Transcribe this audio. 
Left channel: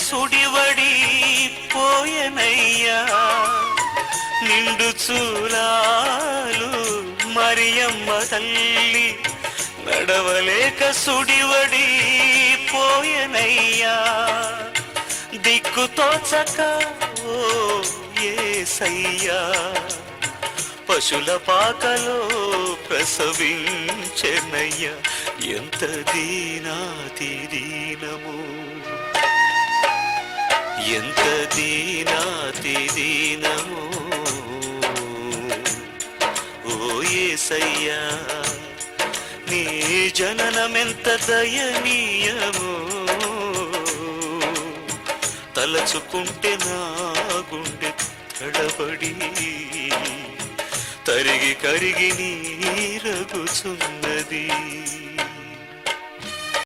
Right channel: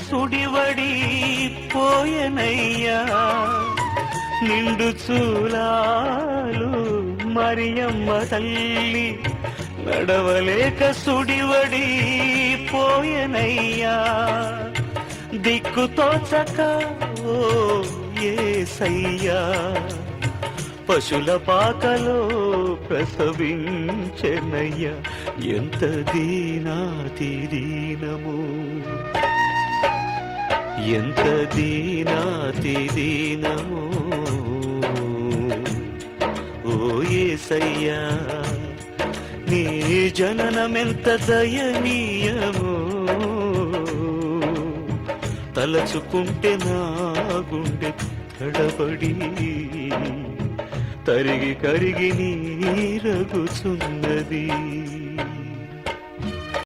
సుడివడి పోయనయ్యా నిండు చూలాలు మరియమ్మ తల్లి నడవలేక సుడివడి పోయనయ్యా దిక్కుతోచక ఓ యేసయ్యా పశుల పాకలో ప్రసవించెనయ్యా ఎంత దీనాతి దీనము ఎంత దీనాతి దీనము ఓ యేసయ్యా నీ జననమెంత దయనీయము తలచుకుంటే నా గుండె తడబడి తరిగి కరిగి నీరగుచున్నది